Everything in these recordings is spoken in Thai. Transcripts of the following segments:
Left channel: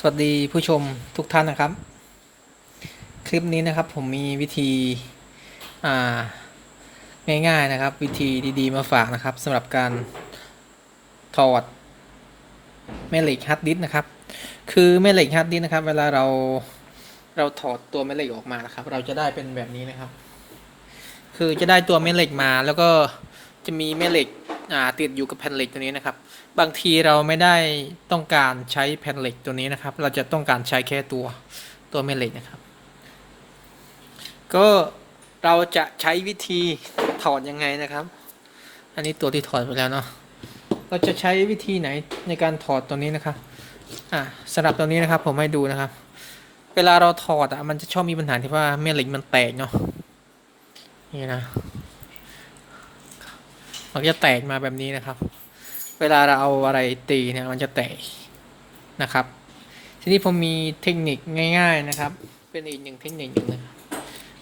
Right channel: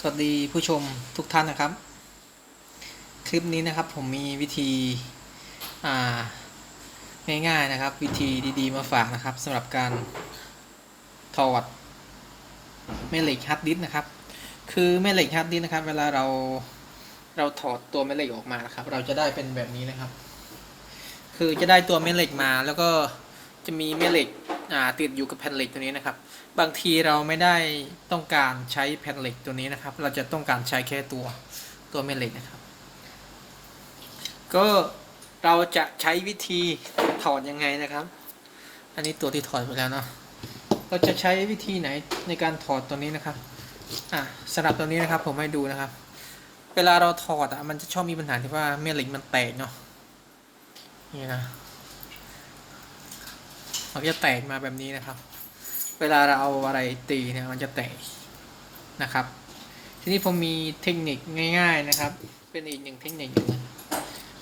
สวัสดีผู้ชมทุกท่านนะครับ คลิปนี้นะครับผมมีวิธีง่ายๆนะครับ วิธีดีๆมาฝากนะครับสำหรับการถอดแม่เหล็กฮาร์ดดิสนะครับ คือแม่เหล็กฮาร์ดดิสนะครับ เวลาเราเราถอดตัวแม่เหล็กออกมานะครับ เราจะได้เป็นแบบนี้นะครับ คือจะได้ตัวแม่เหล็กมาแล้วก็จะมีแม่เหล็ก ติดอยู่กับแผ่นเหล็กตัวนี้นะครับ บางทีเราไม่ได้ต้องการใช้แผ่นเหล็กตัวนี้นะครับ เราจะต้องการใช้แค่ตัวตัวแม่เหล็กนะครับ ก็เราจะใช้วิธีถอดยังไงนะครับ อันนี้ตัวที่ถอดไปแล้วเนาะเราจะใช้วิธีไหนในการถอดตัวนี้นะครับอ่าสำหรับตัวนี้นะครับผมให้ดูนะครับ เวลาเราถอดอะมันจะชอบมีปัญหาที่ว่าแม่เหล็กมันแตกเนาะนี่นะ มันจะแตกมาแบบนี้นะครับ เวลาเราเอาอะไรตีเนี่ยมันจะแตกนะครับ ทีนี้ผมมีเทคนิคง่าย ๆนะครับ เป็นอีกหนึ่งเทคนิคหนึ่ง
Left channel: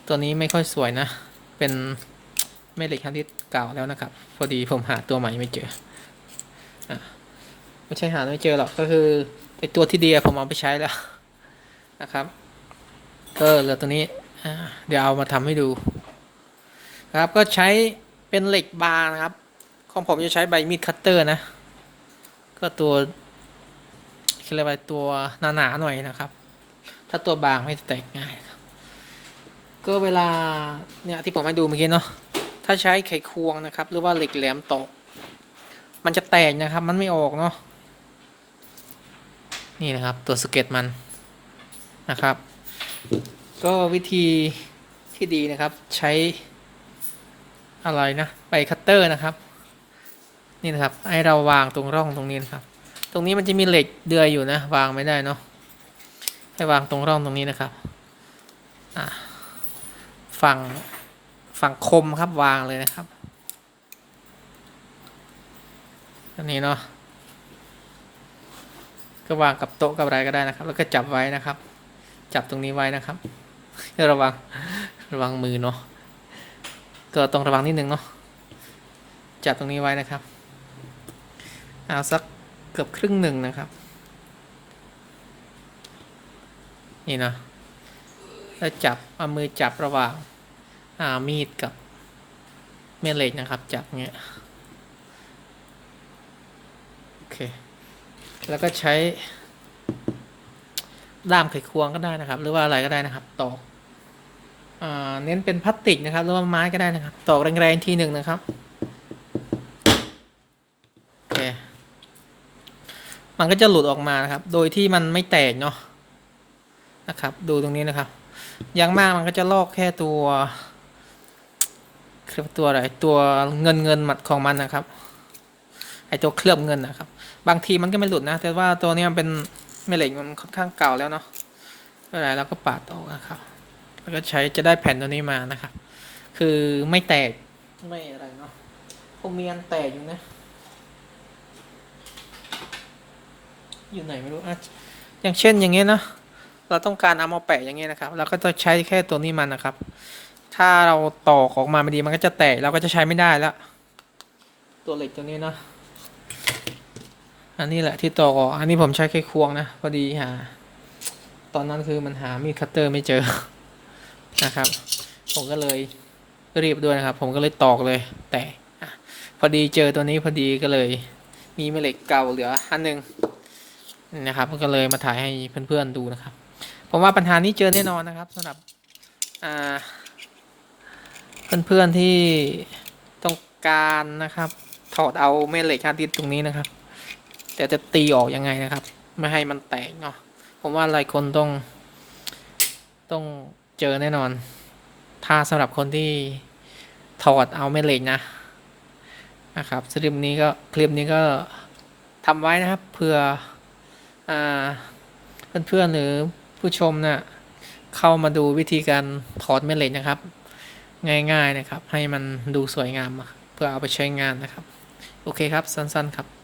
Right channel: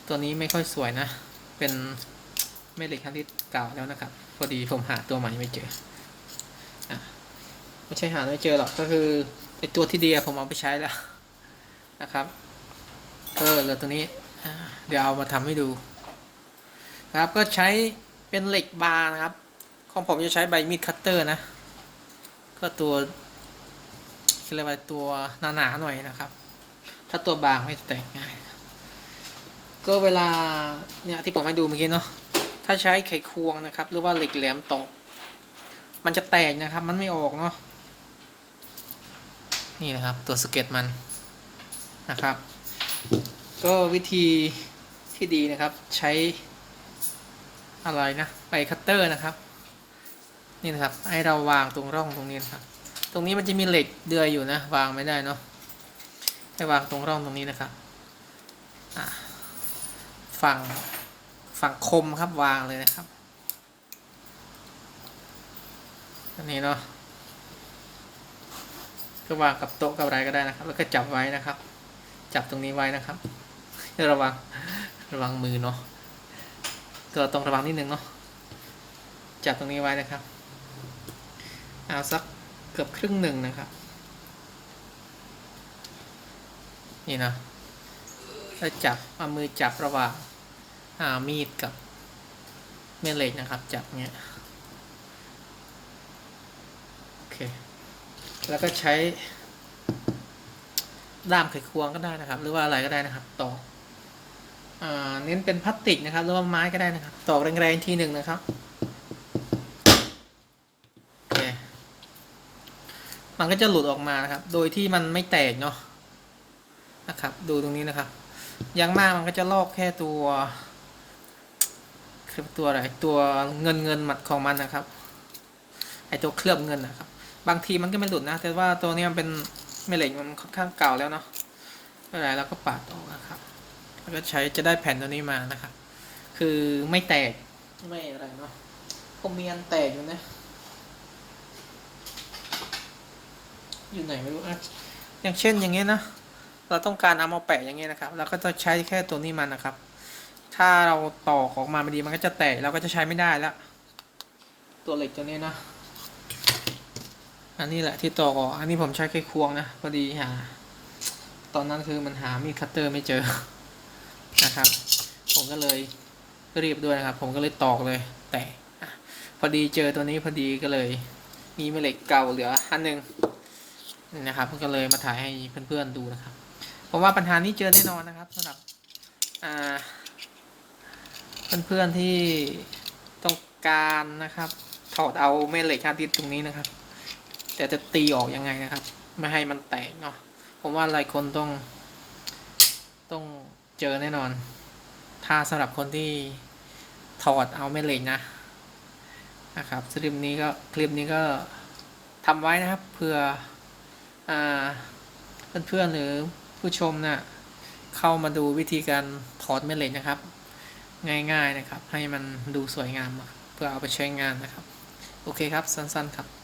ตัวนี้ไม่ค่อยสวยนะ เป็นแม่เหล็กคันที่เก่าแล้วนะครับ พอดีผมหาตัวใหม่ไม่เจออะไม่ใช่หาไม่เจอหรอกก็คือไอตัวที่ดีผมเอาไปใช้แล้วนะครับก็เหลือตัวนี้เดี๋ยวเอามาทำให้ดูนะครับก็ใช้เป็นเหล็กบาร์นะครับ ของผมจะใช้ใบมีดคัตเตอร์นะ ก็ตัวเรียกว่าตัวหนาๆหน่อยนะครับ ถ้าตัวบางไม่แตกง่าย ก็เวลาเนี่ยที่ผมให้ดูเมื่อกี้เนาะ ถ้าใช้ไขควงนะครับ หรือว่าเหล็กแหลมตอกมันจะแตกนะครับ มันไม่ออกเนาะ นี่นะครับตัวสเก็ตมันนะครับ ก็วิธีที่ดีนะครับใช้อะไรนะใบคัตเตอร์นะครับ นี่นะครับให้เราวางตรงร่องตรงนี้นะครับ ตรงนี้มันจะมีเหล็กเดือยอยู่นะ วางไม่ได้เนาะให้วางตรงร่องตรงนี้นะครับฝั่งฝั่งคมครับวางเลยนะครับอันนี้เนาะก็วางกับโต๊ะกับอะไรก็ได้นะครับ แล้วก็จับไว้นะครับ จับตรงนี้ไว้นะครับระวังระวังมือเนาะก็ต้องระวังนิดนึงเนาะจับตรงนี้ไว้นะครับ เอาสักเกือบครึ่งหนึ่งนะครับ นี่นะแล้วจับเอามือจับระหว่างามีดกับเมยเหล็กนะครับ จับเงี้ยโอเค แล้วก็ใช้ ด้ามไขควงก็ได้นะครับ หรือว่าอะไรก็ได้นะครับตอกเน้นเป็นพลาสติกนะครับ หรือว่าไม้ก็ได้นะครับตอกแรงๆทีหนึ่งนะครับ โอเค มันก็จะหลุดออกมานะครับ โดยที่มันไม่แตกเนาะนะครับ ดูตรงนี้นะครับยังมากมันก็จะลอกแค่ตัวเคลือบตัวอะไรตัวเงินเงินมัดของมันนะครับไอตัวเคลือบเงินนะครับ บางทีมันก็ไม่หลุดนะ แต่ว่าตัวนี้มันเป็นแม่เหล็กมันค่อนข้างเก่าแล้วเนาะอะไรแล้วก็ปาดออกนะครับ แล้วก็ใช้จะได้แผ่นตัวนี้มานะครับ คือไม่แตกไม่อะไรเนาะผมมีอันแตกอยู่นะ อยู่ไหนไม่รู้อะอย่างเช่นอย่างเงี้ยนะ เราต้องการเอามาแปะอย่างเงี้ยนะครับ เราก็จะใช้แค่ตัวนี้มันนะครับ ถ้าเราต่อออกมาไม่ดีมันก็จะแตกเราก็จะใช้ไม่ได้แล้วตัวเหล็กตัวนี้นะ อันนี้แหละที่ตอกอันนี้ผมใช้แค่ควงนะพอดีหาตอนนั้นคือมันหามีดคัตเตอร์ไม่เจอนะครับ ผมก็เลยรีบด้วยนะครับ ผมก็เลยตอกเลย แต่พอดีเจอตัวนี้พอดีก็เลย มีแม่เหล็กเก่าเหลืออันหนึ่ง นะครับก็เลยมาถ่ายให้เพื่อนๆดูนะครับผมว่าปัญหานี้เจอแน่นอนนะครับสำหรับอ่าเพื่อนๆที่ต้องการนะครับ ถอดเอาแม่เหล็กฮาร์ดดิสตรงนี้นะครับ แต่จะตีออกยังไงนะครับ ไม่ให้มันแตกเนาะผมว่าหลายคนต้อง ต้องเจอแน่นอน ถ้าสำหรับคนที่ถอดเอาแม่เหล็กนะนะครับสลิปนี้ก็คลิปนี้ก็ทำไว้นะครับเพื่อ เพื่อนๆหรือผู้ชมนะ่ะเข้ามาดูวิธีการถอดแม่เหล็กนะครับ ง่ายๆนะครับ ให้มันดูสวยงามเพื่อเอาไปใช้งานนะครับ โอเคครับสั้นๆครับ